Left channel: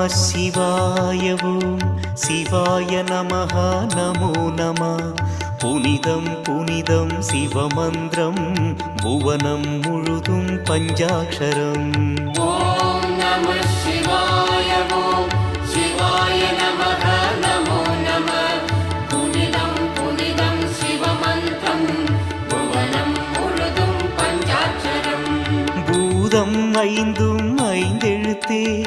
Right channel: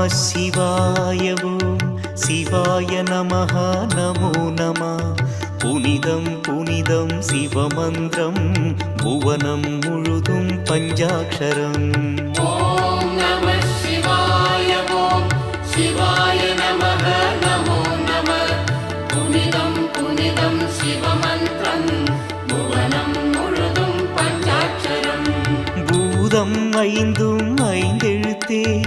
நம சிவாய ஓம் சிவாய நமஹ நமோ நம. புனிதம் புனிதம் சிவமந்திரம். புவனம் முழுதும் பஞ்சாட்சரம். பூதம் ஐந்தும் ஐந்தெழுத்தே.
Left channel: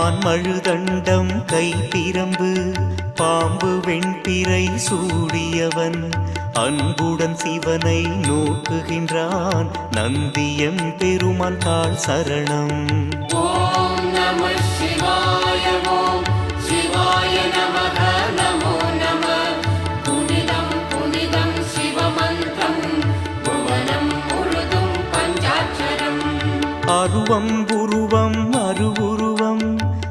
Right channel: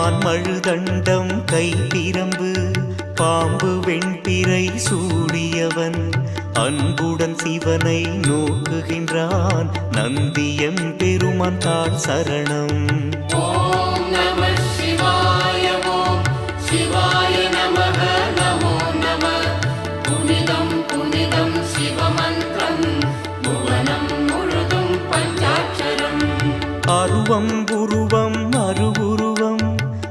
மான் மழுதண்டம் கைப்பிரம்பு பாம்பு வெண்பிரை சூடியவன். அன்புடன் சிவனை நோக்குகின்றான் நந்தியம் பெருமான் தாழ் சரணம். அருவம் குருவம் அருவுரு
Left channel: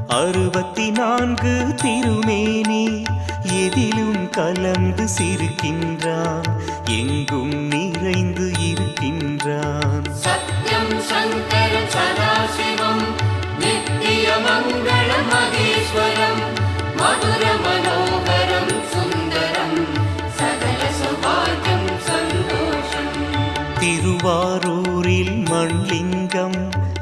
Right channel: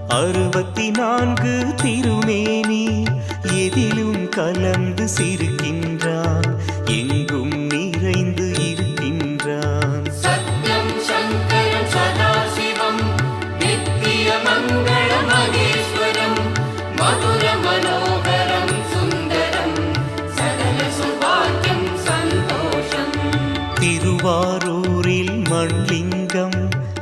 அறுபத்தி நான்கு திருமேனி எதிலும் கலந்து சிரிக்கின்றான் எங்கும் நிறைந்து இருக்கின்றான். திருவாரூரில் மண்லிங்கம்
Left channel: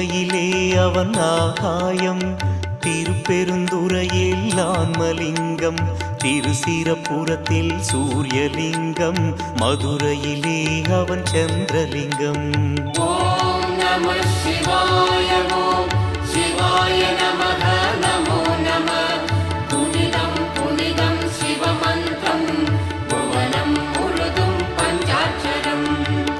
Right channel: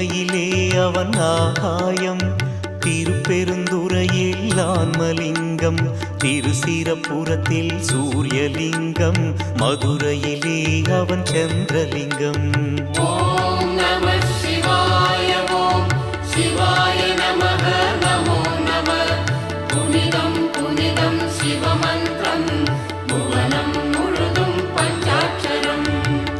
திருமலையிலே அவன் ஆகாயம். திருப்பெருந்துறையில் ஆன்மலிங்கம். திருசிரபுரத்தில் சூரியலிங்கம். மதுரையிலே அவன் சந்திரலிங்கம்.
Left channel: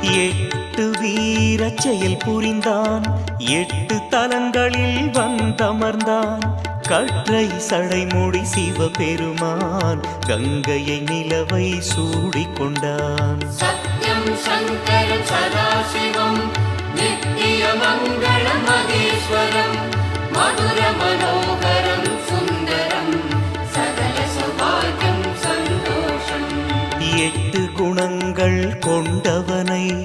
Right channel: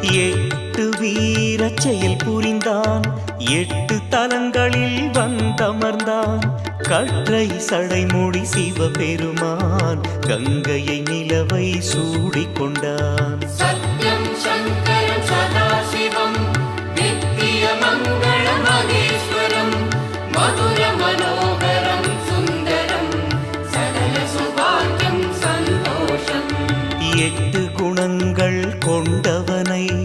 எட்டு வீர செயல் புரிந்தான். எட்டு தலங்களில் வந்தமர்ந்தான். கற்றை சடைமூடி சிவபெருமான். கங்கையை நிலவை சூடிக்கொண்டான் மதுர மனோகரம் எட்டு குணங்கள் கொண்டவனை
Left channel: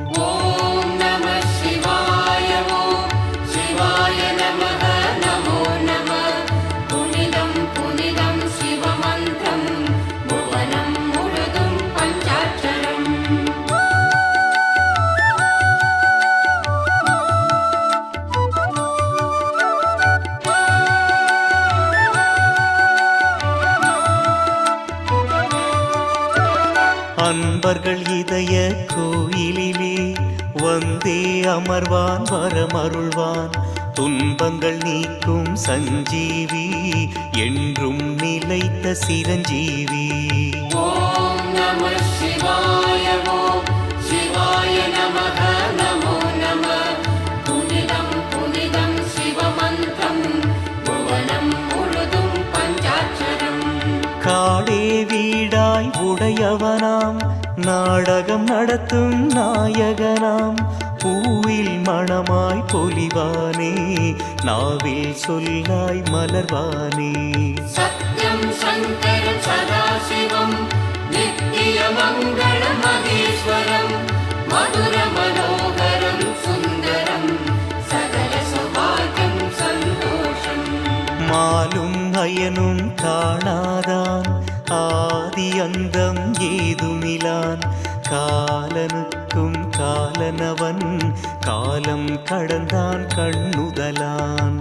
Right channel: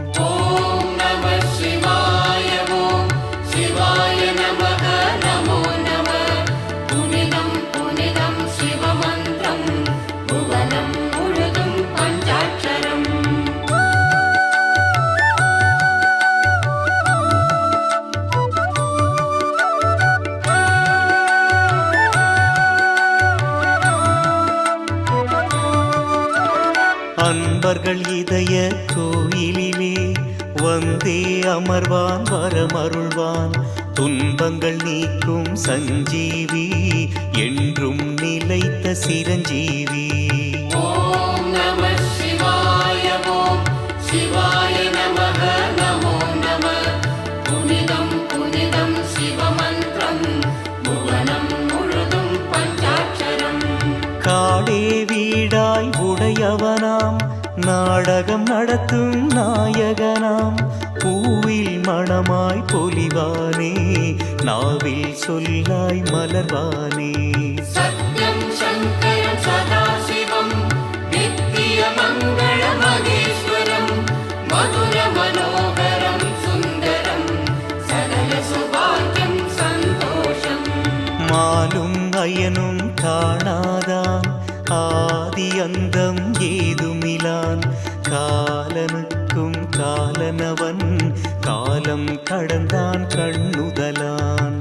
அன்பர்கள் இதய கோயிலிலே வந்தே அமர்வான் வரமருள்வான். துன்பங்கள் நீக்கும் சஞ்சீவி என்றும் நிலைத்த சிரஞ்சீவி. காடே வீடாய் உடையவனாம். நாடகம் நடத்தும் நாயகனாம். பூவில் மணமாய் பொலிவானே நாவில் சொல்லாய் மலர்வானே. மாலும் அயனும் காணாதான் ஆதி அந்தம் ஏதுமிலான். காலனுக்கும் காலனவன். காலம் கடந்தான் கண்ணுதலான்.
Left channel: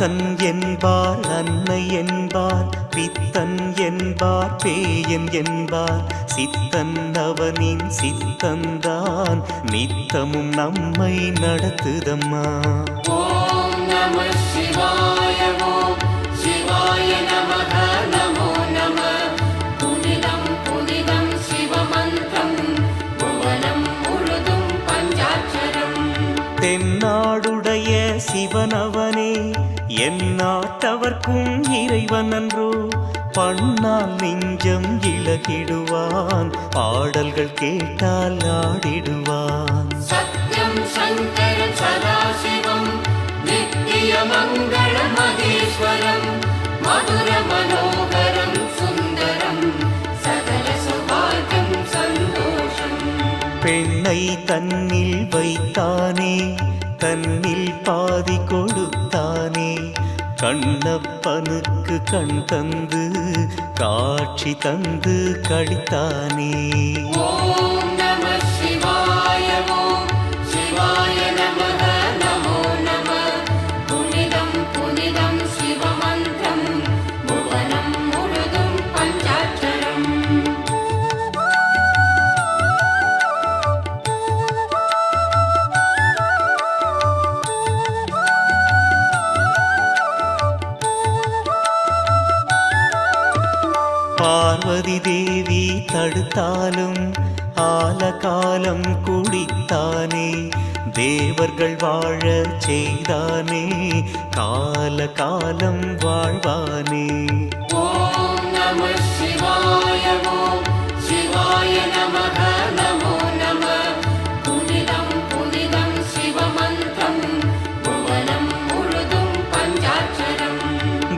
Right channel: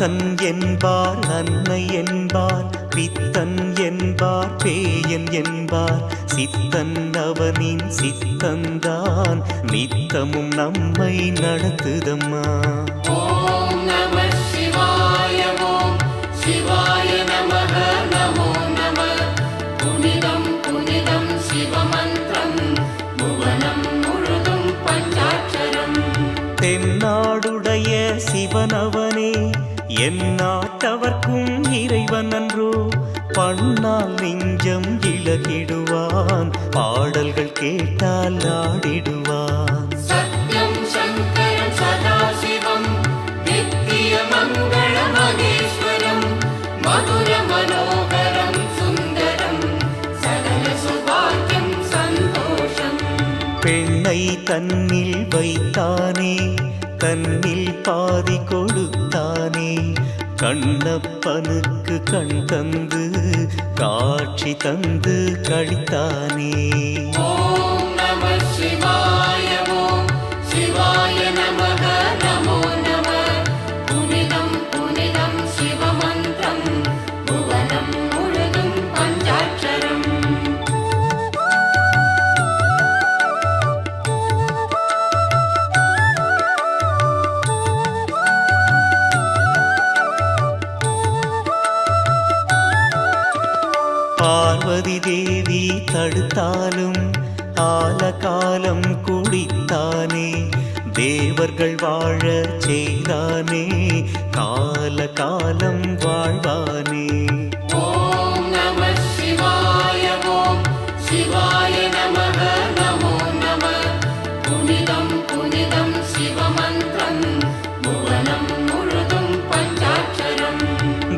வித்தன் என்பார் அன்னை என்பார் வித்தன் என்பார் பேயன் என்பார். சித்தன் அவனின் சித்தந்தான் நித்தமும் நம்மை நடத்துதம்மா. தென்னாடுடைய சிவனவனே என் நாட்டவர்க்கும் இறைவன் அன்றோ பண்ணால் நெஞ்சம் இழகிடுவான் பாடல்கள் கேட்டால் ஆடிடுவான். மதுர பெண்ணை தன்னில் வைத்தானே தன்னில் பாதி கொடுத்தானே. கண்ணப்பனுக்கு கண் தந்து காட்சி தந்து கழித்தானே. தடுத்தாலும் ஆலகாலம் குடித்தானே. தேவர்கள் வாழ செய்தானே கால காலம் வாழ்வானே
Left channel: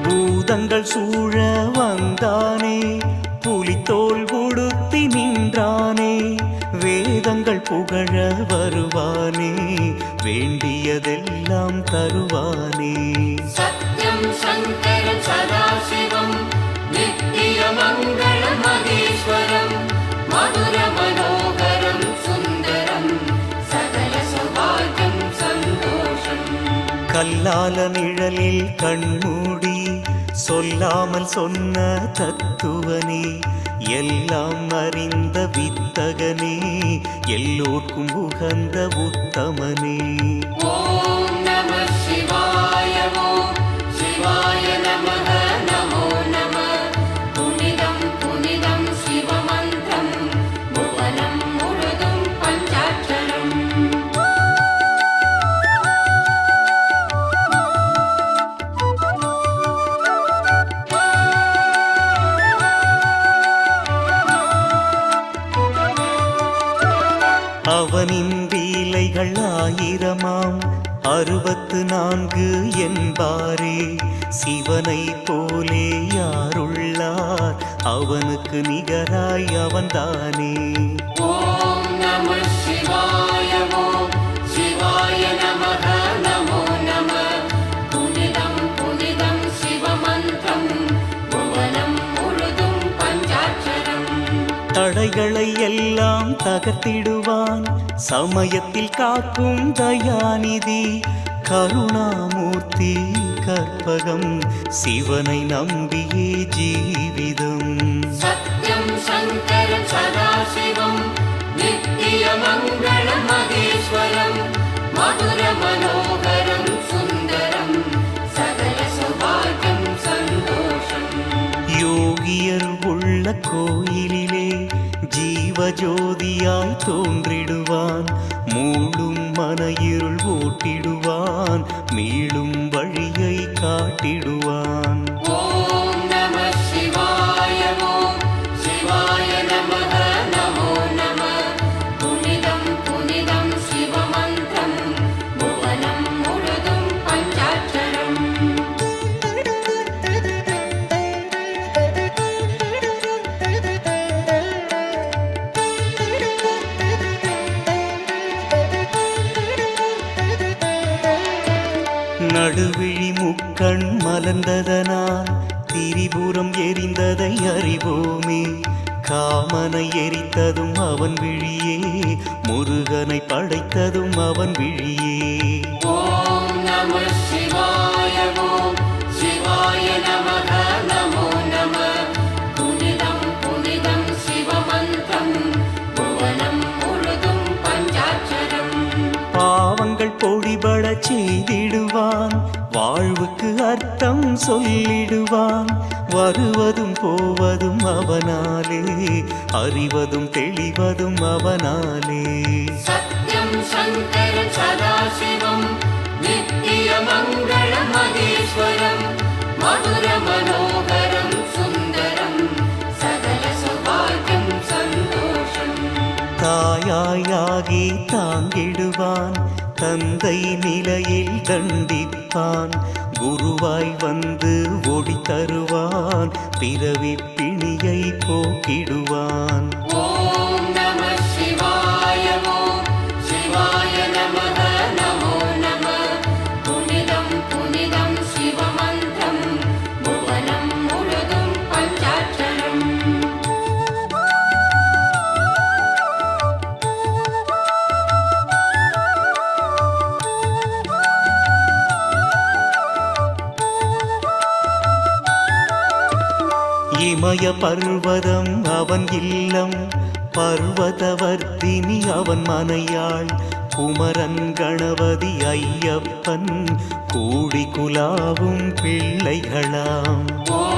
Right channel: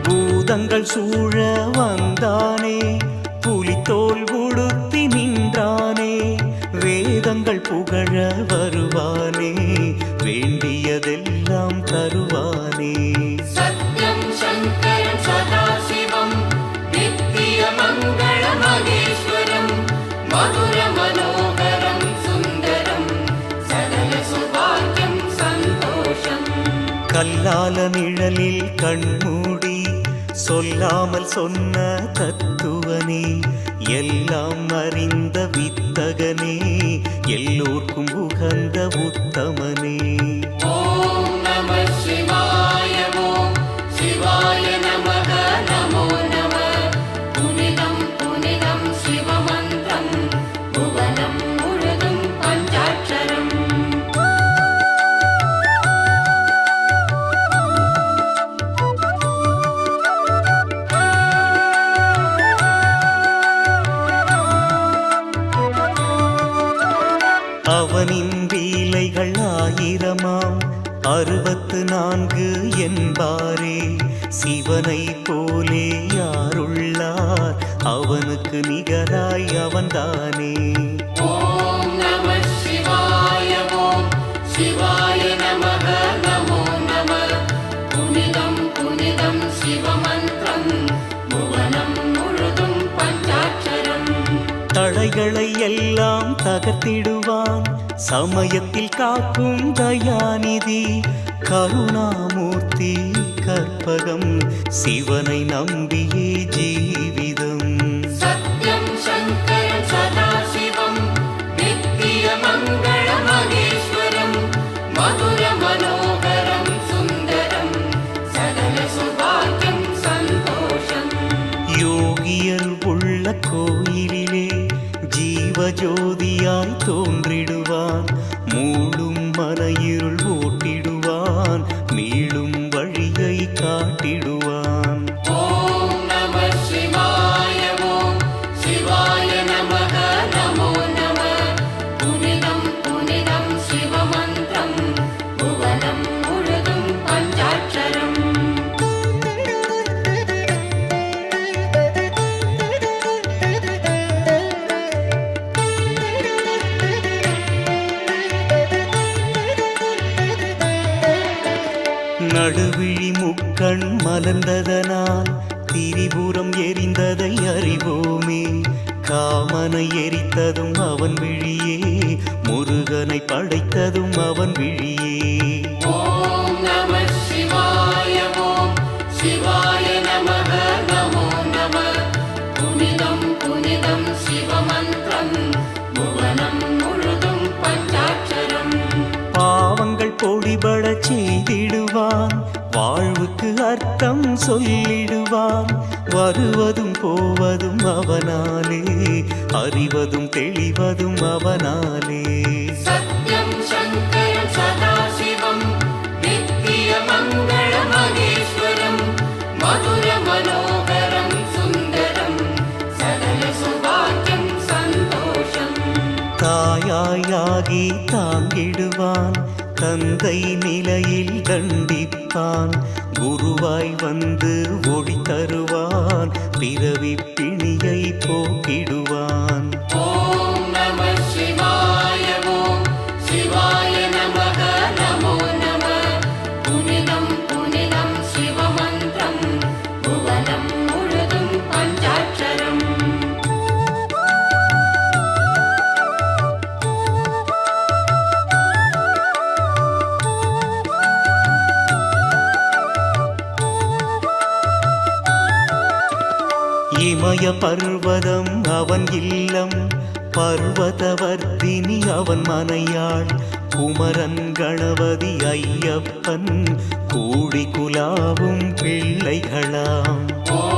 பூதங்கள் சூழ வந்தானே புலித்தோல் உடுத்தி நின்றானே வேதங்கள் புகழ வருவானே வேண்டியதெல்லாம் தருவானே. சத்யம் சங்கரம் சதாசிவம் நித்திய மங்கள மகேஸ்வரம் மதுர மனோகரம் சுந்தரம் சகல சுபாகம் சந்தோஷம். கல்லால நிழலில் கண்மூடி சொல்லாமல் சொன்ன தத்துவனே எல்லாம் அறிந்த வித்தகனே எல்லோர்க்கும் உகந்த உத்தமனே. அவனின் வீலைகள் ஆயிரமாம் அறுபத்து நான்கு என்பாரே சிவனை போலே யாருள்ளார்? அவனுக்கு நிகராய் அவன்தானே. தடைகளை எல்லாம் தகர்த்திடுவான். சமயத்தில் காக்கும் தயாநிதி கருணாமூர்த்தி கற்பகம் சிவனை நம்பியே ஜீவிதம். மதுர மனோகரம் சுந்தரம் யோகியர் உள்ள கோயிலிலே ஜீவஜோதியாய் தோன்றிடுவான் மூழும் மன இருள் ஓட்டிடுவான் மீளும் வழியை காட்டிடுவான். படுவிழி முக்கண் மலர்ந்ததனால் திரிபுரம் எரிந்ததை அறிவோமே. காமனை எரித்ததும் அவன் விழியே. முருகனை படைத்ததும் அவன் விழியே. பொடிபட செய்திடுவான். வாழ்வுக்கு அர்த்தம் சொல்லிடுவான். வருவதும் போவதும் அவனாலே அறிவதும் தெளிவதும் அவனாலே. மதுர மனோகரம் தாயாயாகி தாங்கிடுவான். தந்தை நிலையில் தண்டிப்பான். குருவாய் வந்து ஒளி தருவான். பிறவி பிணியை போக்கிடுவான். இமய பர்வதம் அவன் இல்லம். பர்வதவர்த்தினி அவன் மனையாள். குமரன் கணபதி ஐயப்பன். கூடி குலாவும் பிள்ளைகளாம். ॐ